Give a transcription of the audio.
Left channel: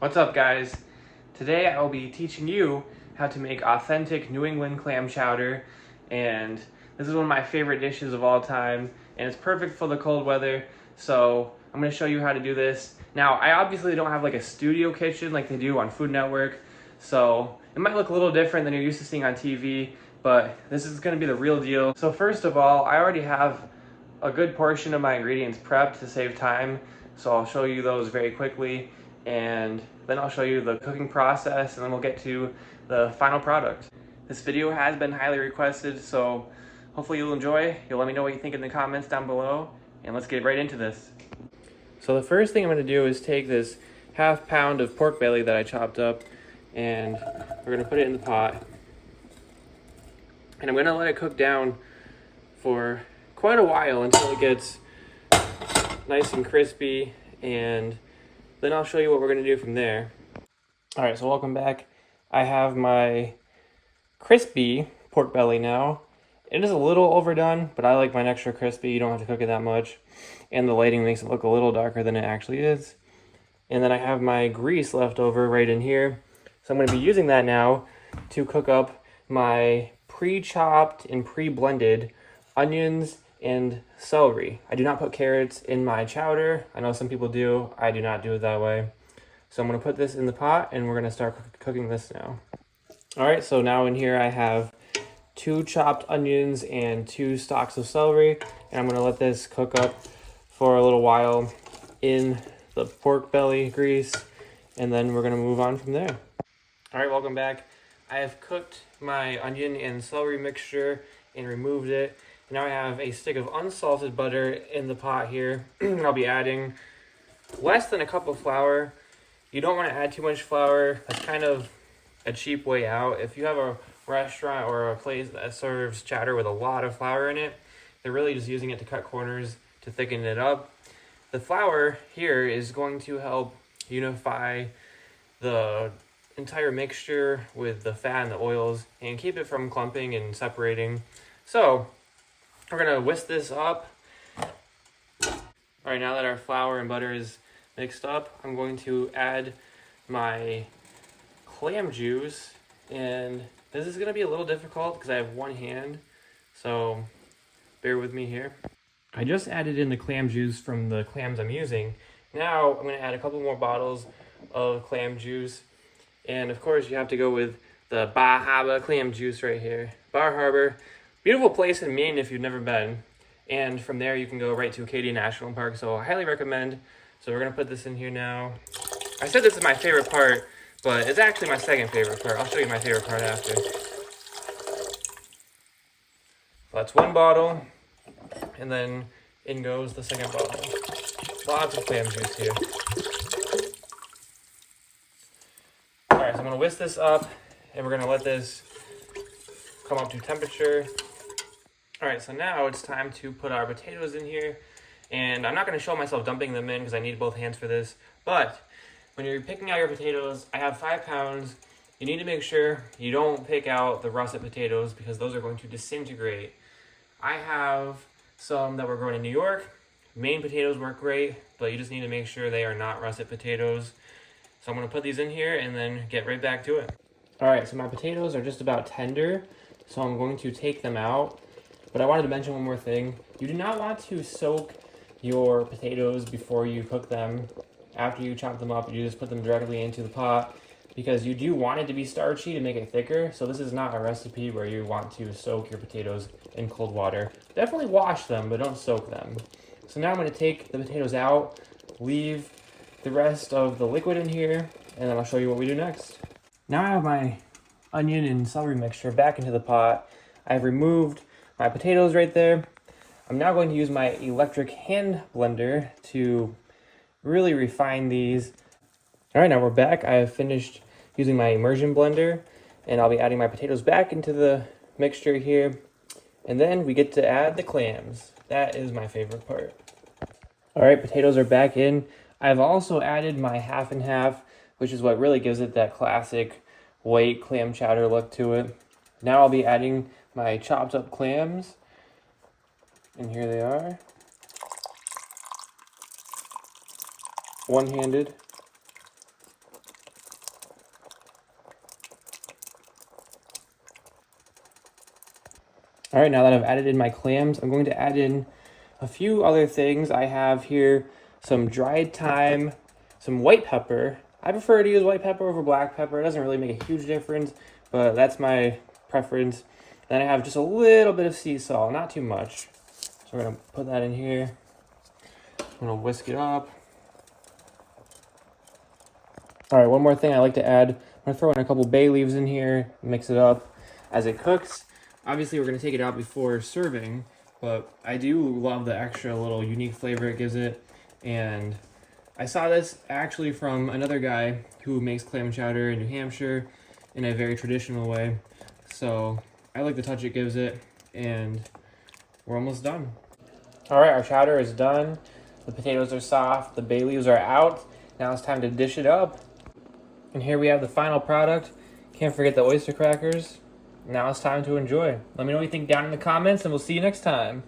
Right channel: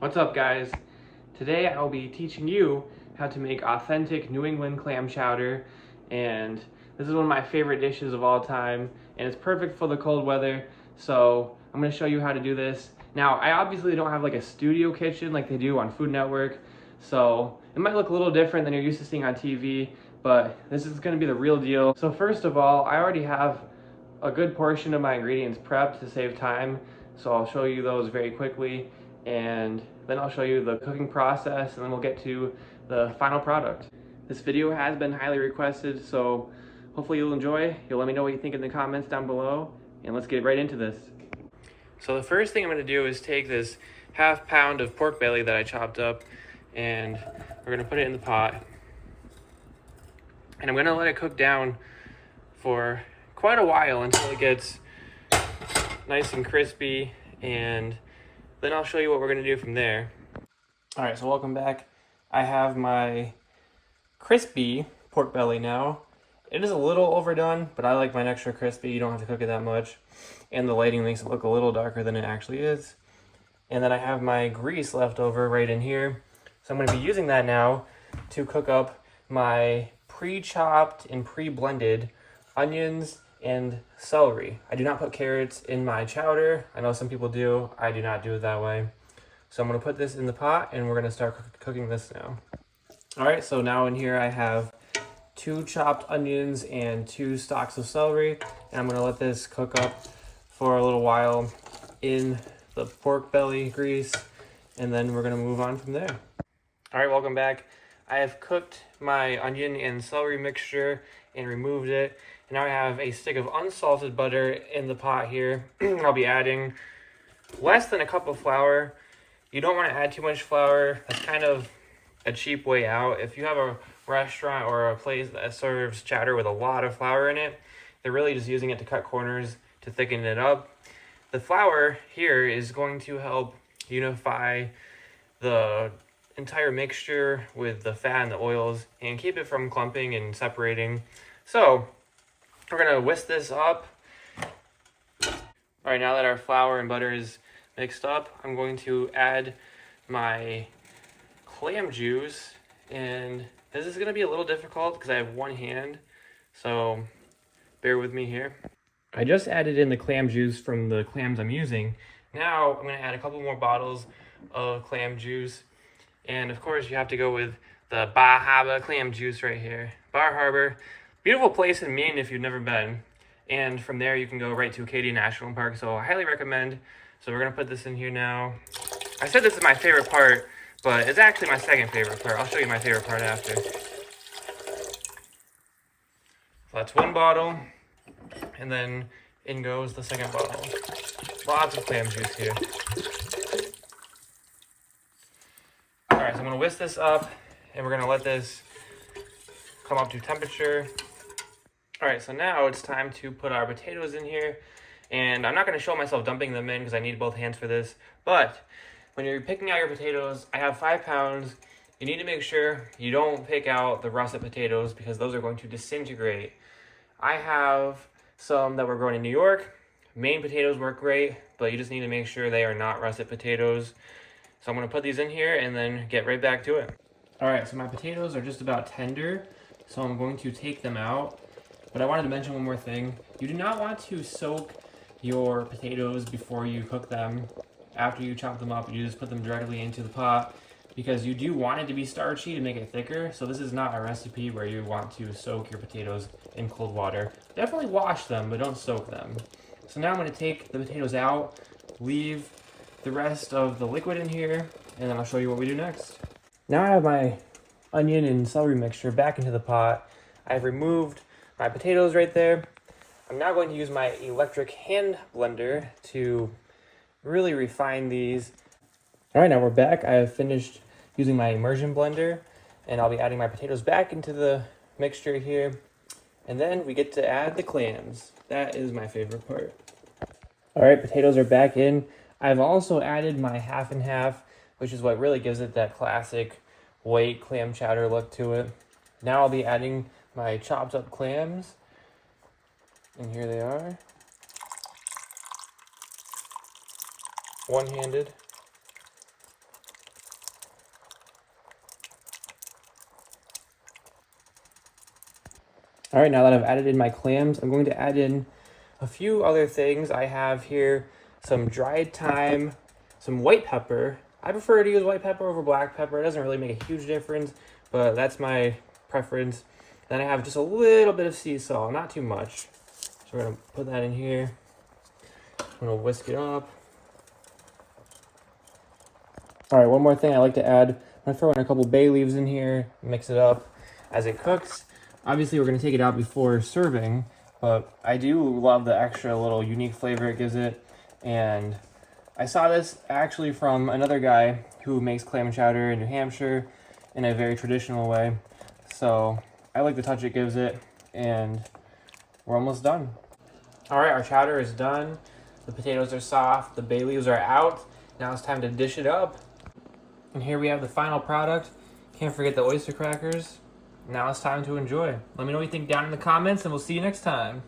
What's up, guys? Today I will be teaching you how to make authentic New England clam chowder, and this is one of my favorite dishes of all time, and it's perfect for the cold weather, so I'm going to show you how to do this. Now, I obviously don't have like a studio kitchen like they do on Food Network, so it might look a little different than you're used to seeing on TV, but this is going to be the real deal. So first of all, I already have a good portion of my ingredients prepped to save time, so I'll show you those very quickly, and then I'll show you the cooking process, and then we'll get to the final product. This video has been highly requested, so hopefully you'll enjoy. You'll let me know what you think in the comments down below, and let's get right into this. So the first thing I'm going to do is take this ½ pound of pork belly that I chopped up, and we're going to put it in the pot, and I'm going to let it cook down for quite a while until it gets nice and crispy, and then I'll show you what we're going to do from there. All right, so welcome back. I have my crispy pork belly now. It is a little overdone, but I like mine extra crispy. You don't have to cook it that much, and the lighting makes it look a little darker than it actually is. And then I have my grease left over right in here, so I'm going to be using that now to cook up my pre-chopped and pre-blended onions and celery. I do not put carrots in my chowder. I know some people do. I do not do it that way. So I'm going to put this in the pot, and we're going to start cooking this now. All right, so now in here I have 2 chopped onions and 2 stalks of celery, and I'm going to let this cook up for a little while in the pork belly grease, and then we're going to move on from there. All right, welcome back. I have cooked my onion and celery mixture and removed it. And now I have a stick of unsalted butter in the pot here. I'll be adding less than a cup of flour. You don't want to add too much flour. That's kind of a cheap way out. If you have a restaurant or a place that serves chowder with a lot of flour in it, they're really just using it to cut corners to thicken it up. The flour here is going to help unify the entire mixture with the fat and the oils and keep it from clumping and separating. So we're gonna whisk this up. All right, now that our flour and butter is mixed up, I'm going to add my clam juice, and this is gonna be a little difficult because I have one hand, so bear with me here. I just added in the clam juice from the clams I'm using. Now I'm gonna add a couple more bottles of clam juice, and of course you have to go with the Bar Harbor clam juice right here. Bar Harbor. Beautiful place in Maine if you've never been. And from there you can go right to Acadia National Park, so I highly recommend. So we're gonna put this in here now. I said this is my favorite part, but it's actually my second favorite part. I'll show you my favorite part after. So that's one bottle, and then in goes the second bottle. Lots of clam juice here. All right, so I'm gonna whisk this up, and we're gonna let this come up to temperature. All right, so now it's time to put our potatoes in here, and I'm not going to show myself dumping them in because I need both hands for this, but when you're picking out your potatoes, I have 5 pounds. You need to make sure you don't pick out the russet potatoes because those are going to disintegrate. I have some that were grown in New York. Maine potatoes work great, but you just need to make sure they are not russet potatoes. So I'm going to put these in here and then get right back to it. All right, so my potatoes are just about tender, so I'm going to take them out. But I wanted to mention one more thing. You do not want to soak your potatoes before you cook them. After you chop them up, you just put them directly into the pot because you do want it to be starchy to make it thicker. So this is not a recipe where you want to soak your potatoes in cold water. Definitely wash them, but don't soak them. So now I'm going to take the potatoes out, leave the rest of the liquid in here, and then I'll show you what we do next. Now I have my onion and celery mixture back into the pot. I've removed my potatoes right there. I'm now going to use my electric hand blender to really refine these. All right, now we're back. I have finished using my immersion blender, and I'll be adding my potatoes back into the mixture here. And then we get to add the clams. That is my favorite part. All right, potatoes are back in. I've also added my half and half, which is what really gives it that classic white clam chowder look to it. Now I'll be adding my chopped up clams, and here they are, one-handed. All right, now that I've added in my clams, I'm going to add in a few other things. I have here some dried thyme, some white pepper. I prefer to use white pepper over black pepper. It doesn't really make a huge difference, but that's my preference. Then I have just a little bit of sea salt, not too much. So I'm gonna put that in here. I'm gonna whisk it up. All right, one more thing I like to add. I'm gonna throw in a couple bay leaves in here, mix it up as it cooks. Obviously, we're gonna take it out before serving, but I do love the extra little unique flavor it gives it. And I saw this actually from another guy who makes clam chowder in New Hampshire in a very traditional way. So I like the touch it gives it, and we're almost done. All right, our chowder is done. The potatoes are soft, the bay leaves are out. Now it's time to dish it up. And here we have the final product. Can't forget the oyster crackers. Now it's time to enjoy. Let me know what you think down in the comments, and we'll see you next time.